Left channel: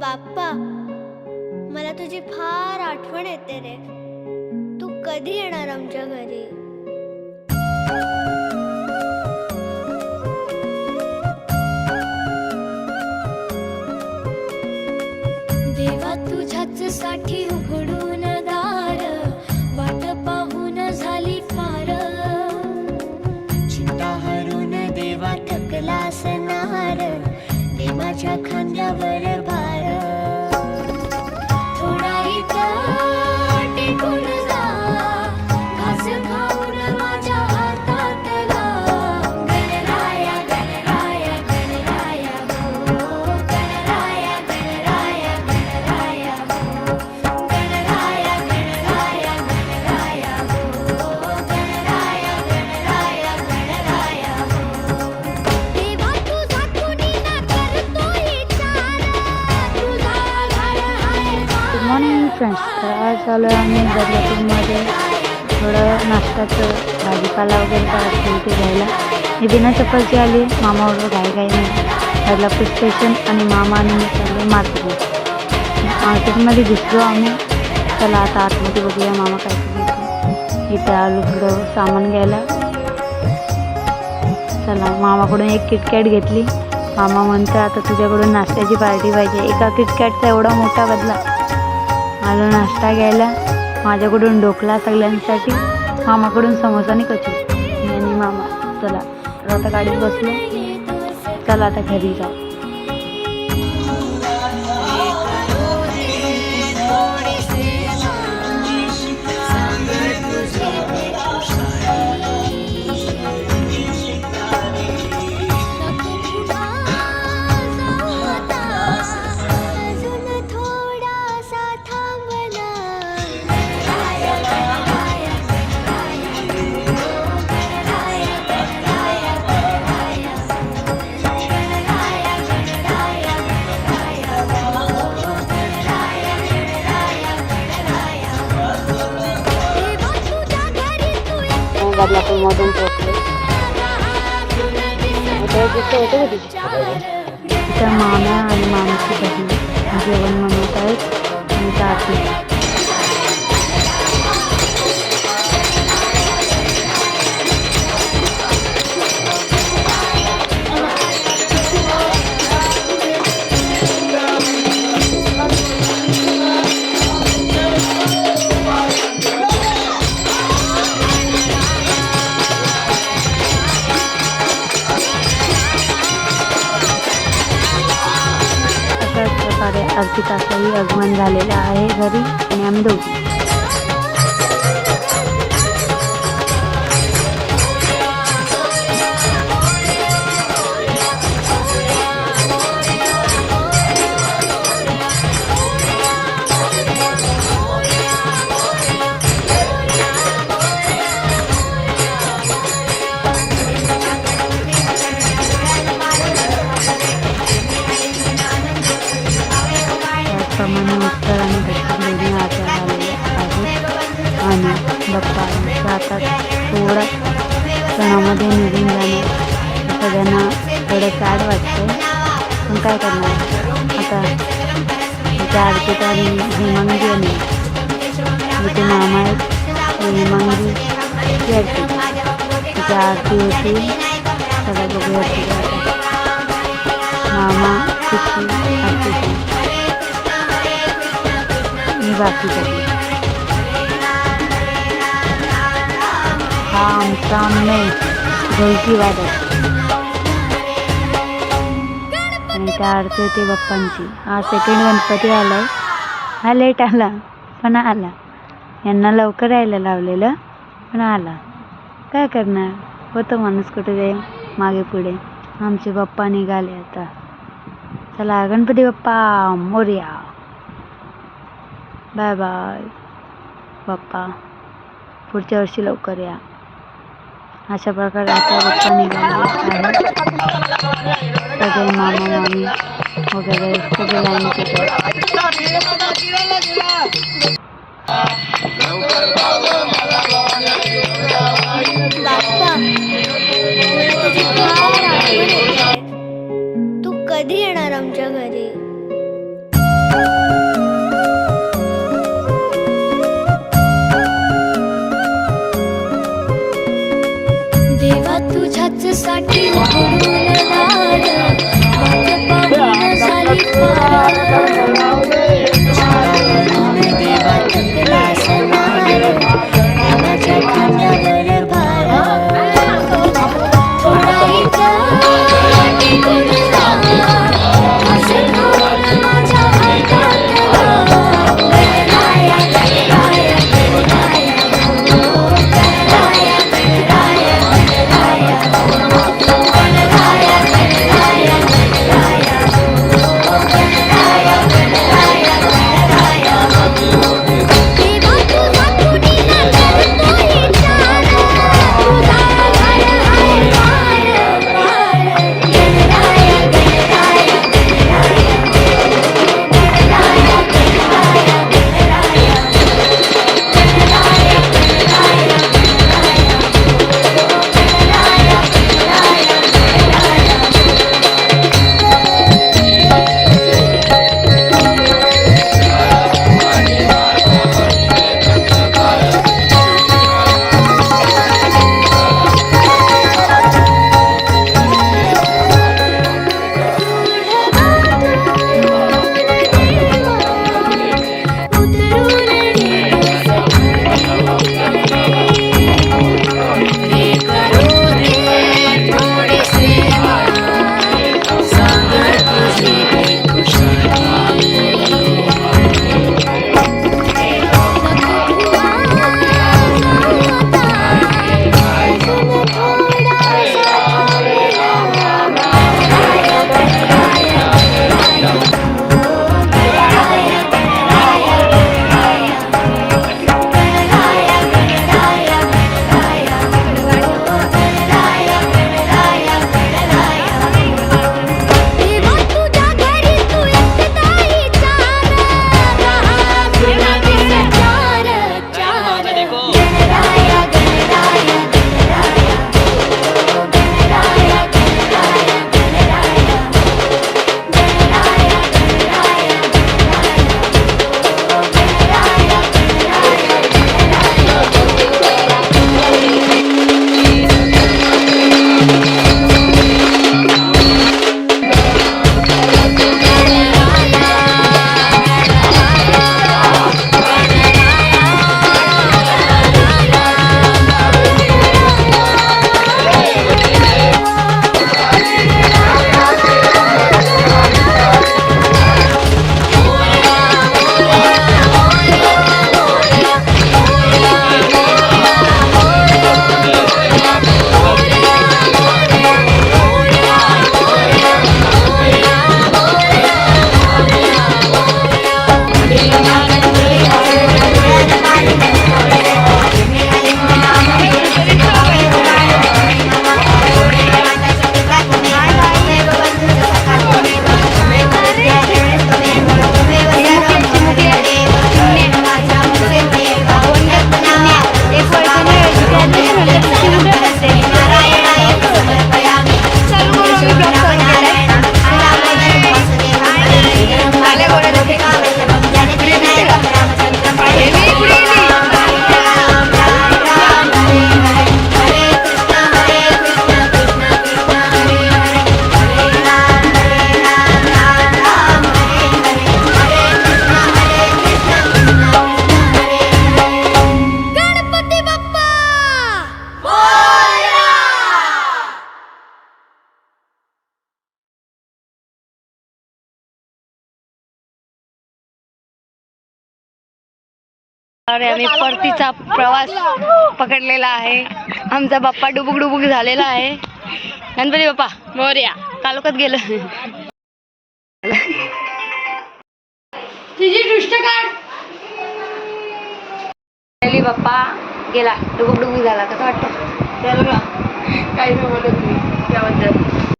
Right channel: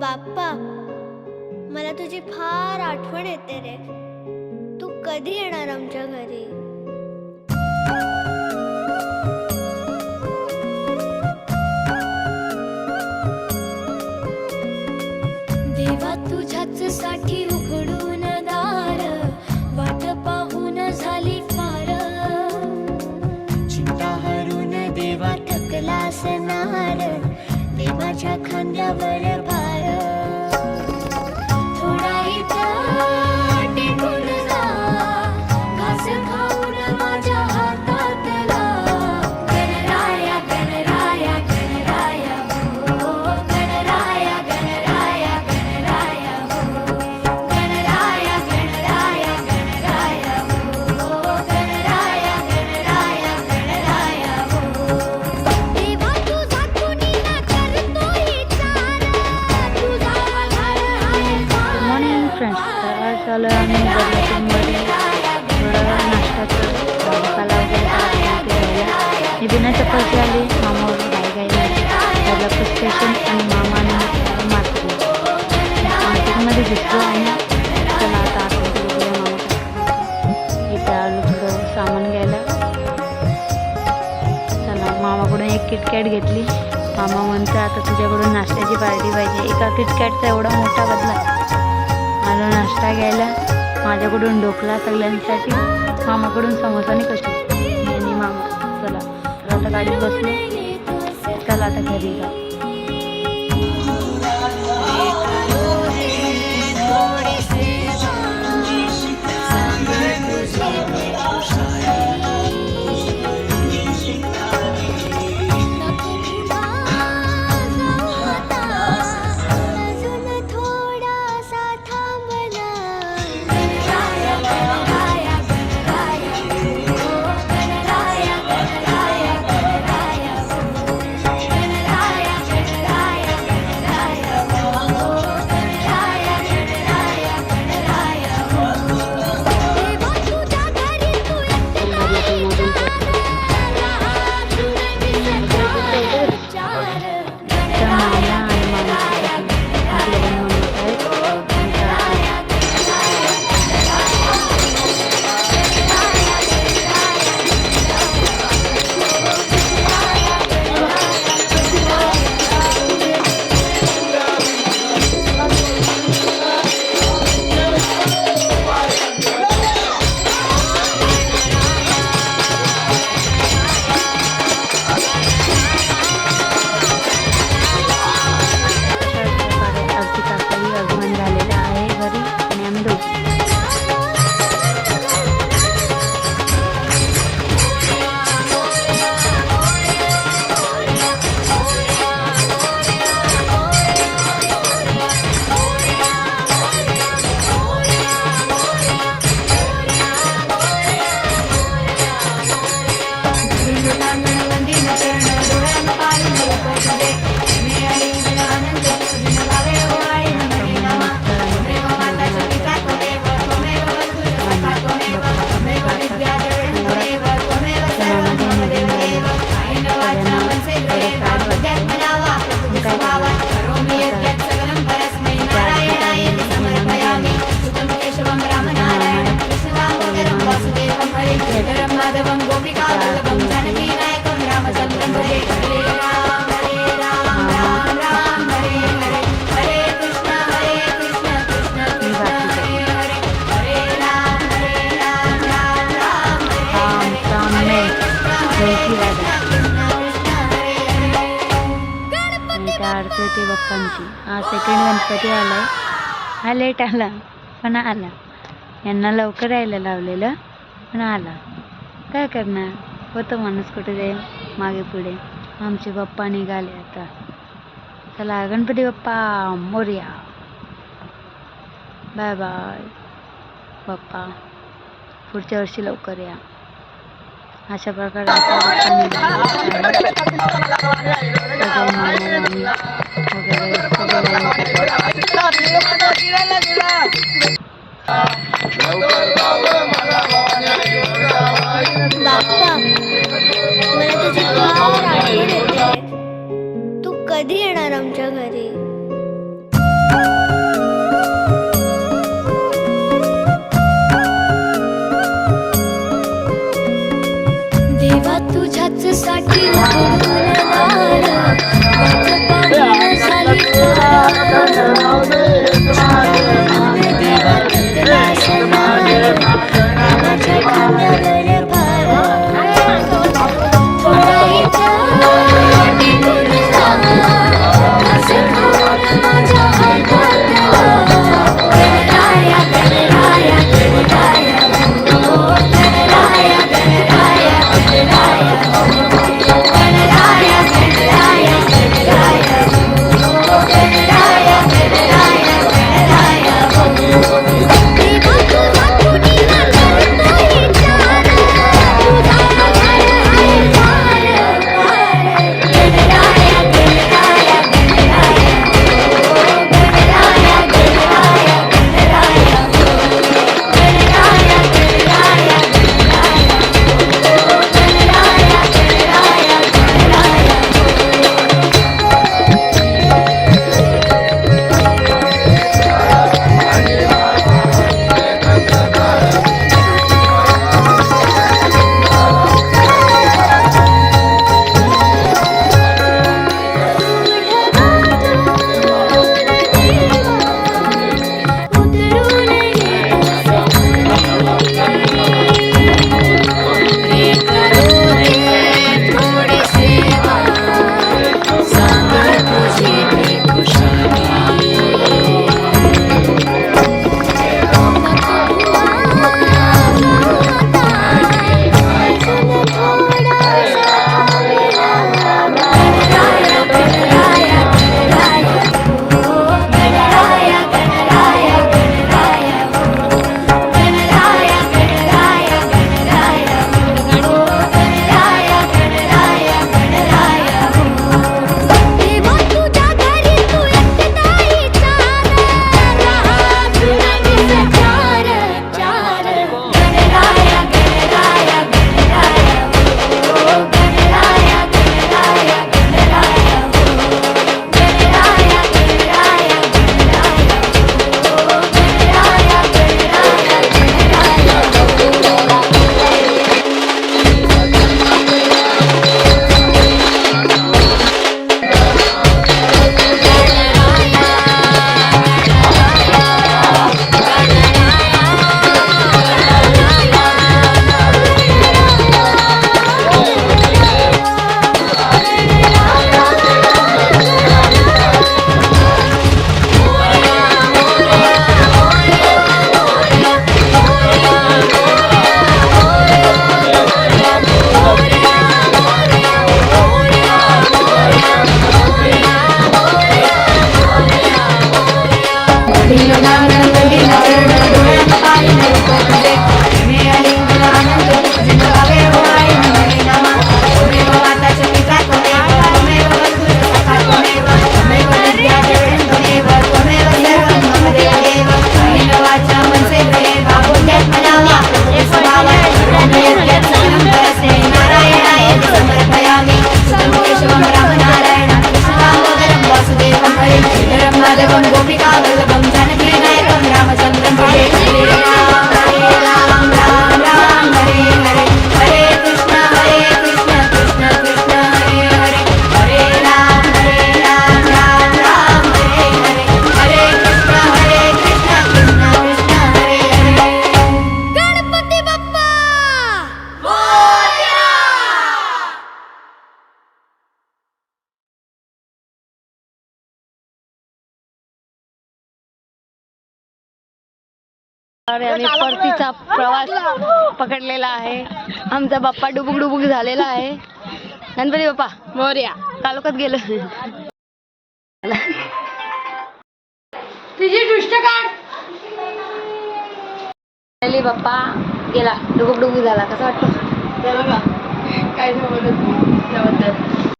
बाप्पा मला तुझी फार आठवण येते रे. तू कधी येणार आमच्या घरी? देवा तुझ्याच साठी उघडून दार वाट पाहून झाली फार. चिंता हरून देवा थकला असणार ते माझ्या खांद्यावर भार थोडा इथं टेकून जा. फ्रेंड्स तर आज आलो आम्ही बदलापूरमध्ये. थोडं नाश्त्याचं भाजीपाला वगैरे करत ते घ्यायला. मी बिना चप्पलची आली मामाबरोबर घाई घाईमध्ये बदलापूर स्टेशन आणि मामा आणि मी चाललो मार्केटमध्ये मार्केटमध्ये घुसलो आम्ही. चला आता आतमध्ये बघूया मामा काय करतो इथे आलो थोडं सामान घ्यायला. चला मामाकडून एक किटकॅट घेतली. मामा म्हणतो आता तुझ्याकडून नाश्त्याची पार्टी पाहिजे. एका किटकॅटचा एवढा मोठा बदला. आलो नाश्ता घ्यायला. माझ्याकडून ढोकला सगळ्यांसाठी मामाकडून समोसा आणि कशी मी आणि मामा. चला आता गाडीत बसलो. चला आता घरी जाऊ. विसर चार तर माम्या आणि मामीची बहीण जेवण बनवत आहेत आणि त्या अर्पिताचाही आगमन झालेलं आहे घरी आणि आम्ही दोघी. त्याप्रमाणे उत्तर आणि दक्षिण दोन्ही झालेले आहेत आणि बाप्पा आमच्या आता थोडा सणामध्ये निघून जाणार. सगळ्यांना थोडं सॅड वाटतं पण काय करणार? आता इथे आरतीत आणि हेमांगी आणि तिथे मामा आहेत. ते हेमांगी ती आरती. तिथे आरती होती. सगळ्या बघूया मामा तिची आरती. करतात. बाकी हा आमचा मेन ढोलकी वादक आणि त्या आरती होती बाप्पांची हा सेकंड गणपती आलाय हा लेट आला पण आला यांना लवकर यायला लावलेलं पण आला काय करणार होतं माणूस कुठे जाईल मागे पुढे आमचे बाप्पा निघाले आता चला गणपती बाप्पा मोर्या बाय बाय. बाप्पा पुढच्या वर्षी लवकर या. अशा प्रकारे आता बाप्पा सगळे मामा मामी वगैरे सगळे बाप्पा मला तुझी फार आठवण येते. तू कधी येणार आमच्या घरी? देवा तुझ्याच साठी वाट पाहून झाली पारा अरे आम्ही परतीचा प्रवास पकडलेला आहे. आमचा बाप्पा डुबुक डुबुक झालेला आहे. गणपती बाप्पा मोर्या. तालुक्यात गेलो? तिची बाप्पा गेला. डुबुक डुबुक झाला. कसं वाटतं? काय त्याबद्दल